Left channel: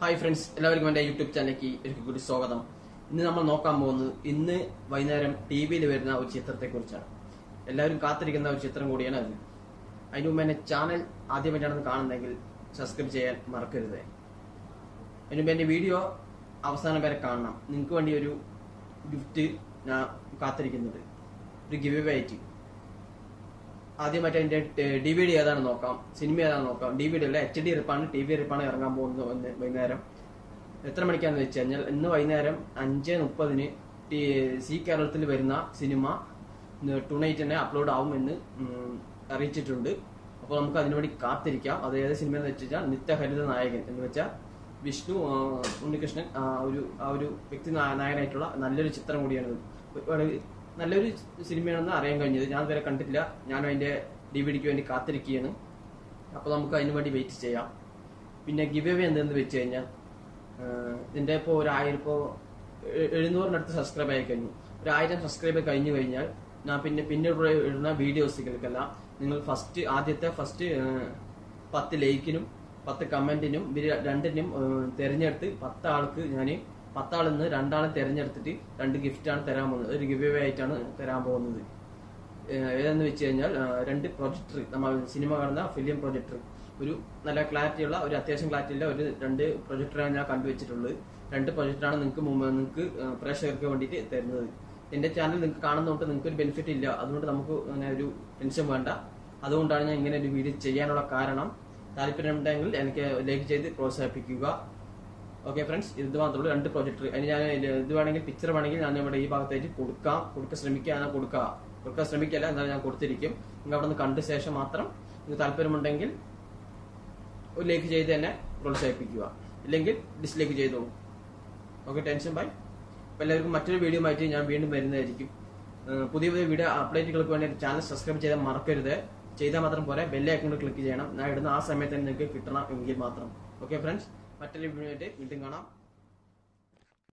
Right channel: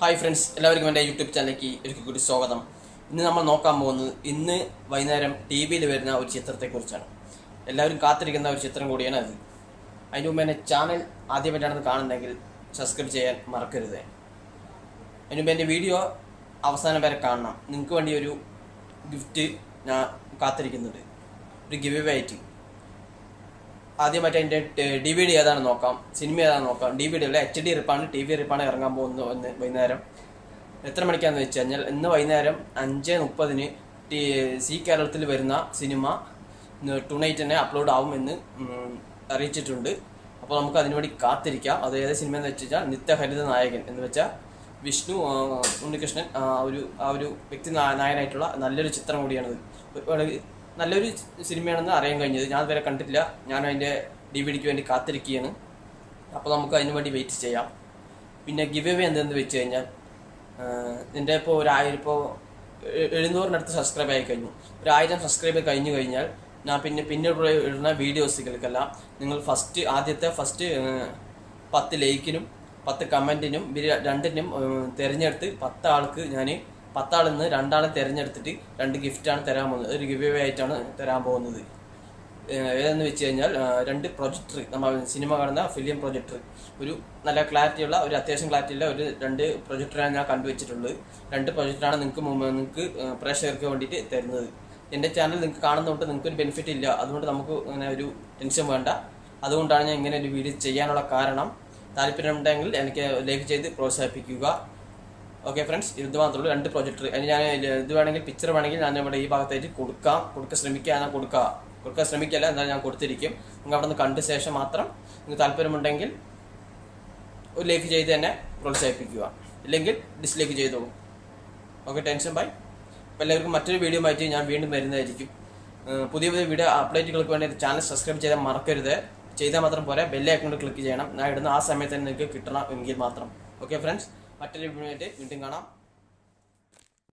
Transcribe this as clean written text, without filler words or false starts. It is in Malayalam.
ഹായ് ഫ്രണ്ട്സ്, എല്ലാവർക്കും എൻ്റെ യൂട്യൂബ് ചാനലിലേക്ക് ഒരിക്കൽ കൂടി സ്വാഗതം. ഇന്ന് നമ്മൾ നോക്കാൻ പോകുന്നത് ഇന്ന് വൈകുന്നേരം ടി വിയിൽ വരുന്ന ഒരു ചിത്രത്തെക്കുറിച്ചാണ്. എല്ലാവരും കാത്തിരിക്കുന്ന ഒരു ചിത്രം കൂടിയാണ് അത്. അതിന് മുമ്പ് എൻ്റെ ചാനൽ ആദ്യമായിട്ടാണെന്ന് കാണുന്നെങ്കിൽ സബ്സ്ക്രൈബ് ചെയ്യാൻ മറക്കരുത്. അതിന് മുമ്പ് എൻ്റെ വീഡിയോ അവസാനം വരെ കാണണം. നിങ്ങൾക്ക് വേണ്ടി ഒരു ഗിഫ്റ്റ് ഞാൻ കാത്തിരിക്കുന്നുണ്ട്, ഒരു ഗിവ് അവേ ആയിട്ട്. ആദ്യമായിട്ട് എൻ്റെ DVD ഏതാണെന്ന് നോക്കാം, സിനിമ ഏതാണെന്ന് നോക്കാം. DVD അല്ല, HD റിപ്പാണ്, TV റിപ്പാണ് ഇറങ്ങാൻ പോകുന്നത് ഇന്ന് വൈകുന്നേരം. എത്ര മണിക്കാണെന്ന് വെച്ച് കഴിഞ്ഞാൽ ഇന്ന് വൈകുന്നേരം 5:30 സി കേരളത്തിൽ വരുന്ന സിനിമ ടൂണൈറ്റ് തന്നെ അപ്ലോഡ് ആവുമെന്ന് അറിയിച്ചിട്ടുണ്ട്. അപ്പോൾ നമുക്ക് അതിനുവേണ്ടി കാത്തിരിക്കാം. അത് ഏത് സിനിമ എന്ന് വെച്ച് കഴിഞ്ഞാൽ നിത്യഹരിത നായകൻ എന്ന് വെച്ചാൽ വിഷ്ണു ഉണ്ണികൃഷ്ണൻ ആ ഒരു വ്യക്തി നായകനായിട്ടുള്ള നല്ലൊരു ചിത്രം കൂടിയാണത്. നല്ലൊരു സിനിമയാണെന്ന് അറിയാൻ കഴിഞ്ഞത്. ഞാൻ ഇതുവരെ കണ്ടിട്ടില്ല. ഞാൻ അതിൻ്റെ DVDക്ക് വേണ്ടി കാത്തിരിക്കുകയാണ്. അപ്പോൾ നമുക്ക് അതിന് വേണ്ടി വെയിറ്റ് ചെയ്യാം. പിന്നെ ഗിവ് അവേ എന്തെന്ന് വെച്ച് കഴിഞ്ഞാൽ എൻ്റെ ഇപ്പോൾ 700-ന് അടുത്ത് സബ്സ്ക്രൈബ് ആയി കഴിഞ്ഞു. 1000 സബ്സ്ക്രൈബ് കഴിഞ്ഞു കഴിഞ്ഞാൽ ഞാൻ പിന്നീട് ഇടുന്ന വീഡിയോസുകൾക്കെല്ലാം നിങ്ങൾ ആദ്യത്തെ 10 ലൈക്കിനും 10 കമൻറ്റിനും രണ്ടിനും തിരഞ്ഞെടുത്ത് 10 ആൾക്ക് ഞാൻ 10 ആളിൽ നിന്ന് 2 ആളെ തിരഞ്ഞെടുത്തിട്ട് 2 ഗിഫ്റ്റാണ് തരാൻ പോകുന്നത്. ഒരു ഗിവ് അവേ ആയിട്ടാണ് തരാൻ പോകുന്നത്. ഏതെന്ന് വെച്ച് കഴിഞ്ഞാൽ 2 പ്രൊജക്ടർ, നമ്മൾ സിനിമ കാണുന്ന ഫിലിം പ്രൊജക്ടർ, ഒരു നല്ല ക്ലാരിറ്റിയുള്ള, ഒരു അത്യാവശ്യം ക്ലാരിറ്റിയുള്ള ഒരു 2 പ്രൊജക്ടറാണ് ഞാൻ കണ്ടുവച്ചിട്ടുള്ളത്. 2 പ്രൊജക്ടറാണ് നിങ്ങൾക്ക് പ്രേക്ഷകർക്ക് വേണ്ടിയിട്ട് തരുന്നത്. എൻ്റെ ചാനൽ നിങ്ങൾക്ക് കാണുന്നതുകൊണ്ട് നിങ്ങൾക്ക് ഒരു ബെനിഫിറ്റ് ഇല്ല. അതുകൊണ്ട് നമുക്ക് അങ്ങനെ ഒരു ടെൻഷൻ വേണ്ട. അതുകൊണ്ടാണ് ഞാൻ ഇങ്ങനെ ഒരു വീഡിയോ ചെയ്യാനുള്ള കാരണം. താല്പര്യമുണ്ടെങ്കിൽ എനിക്ക് ലൈക്ക് ചെയ്ത് പ്രോത്സാഹിപ്പിക്കുക. ഓക്കെ ഫ്രണ്ട്സ്, ഇത് മാത്രമേ ഉള്ളൂ. 2 പ്രൊജക്ടർ. അതിന് ഞാൻ ഇത് വേണമെങ്കിൽ പിക്ചർ വേണമെങ്കിൽ ഞാൻ ഇവിടെ ഈ ഭാഗത്തായിട്ട് കൊടുക്കാൻ ശ്രമിക്കല്ല, എന്തായാലും ഞാൻ കൊടുത്തിരിക്കും. നിങ്ങൾ അവിടെ നിന്ന് കണ്ട ശേഷം മാത്രം നിങ്ങൾക്ക് താല്പര്യമുണ്ടെങ്കിൽ ഒരു ലൈക്ക് ചെയ്ത് തന്നെ പ്രോത്സാഹിപ്പിക്കുക, ഇല്ലെങ്കിൽ ഡിസ്ലൈക്ക് ചെയ്തോളൂ. Okay, tension bye. അപ്പോൾ എല്ലാവർക്കും മറ്റൊരു വീഡിയോ ആയിട്ട് ഞാൻ വീണ്ടും വരുന്നതായിരിക്കും. പുതിയ വീഡിയോ അപ്ഡേറ്റുകൾക്ക് വേണ്ടി ചാനൽ സബ്സ്ക്രൈബ് ചെയ്യാൻ മറക്കരുത്. ചെയ്താൽ മാത്രം പോരാ, ബെൽ ഐക്കണിൽ ക്ലിക്ക് ചെയ്യണം. ഞാൻ ഇടുന്ന ആ സമയത്ത് തന്നെ നിങ്ങൾക്ക് കിട്ടണം എങ്കിൽ മാത്രം. ഓക്കെ ഫ്രണ്ട്സ്, മറ്റൊരു വീഡിയോ ആയിട്ട് വീണ്ടും കാണാം.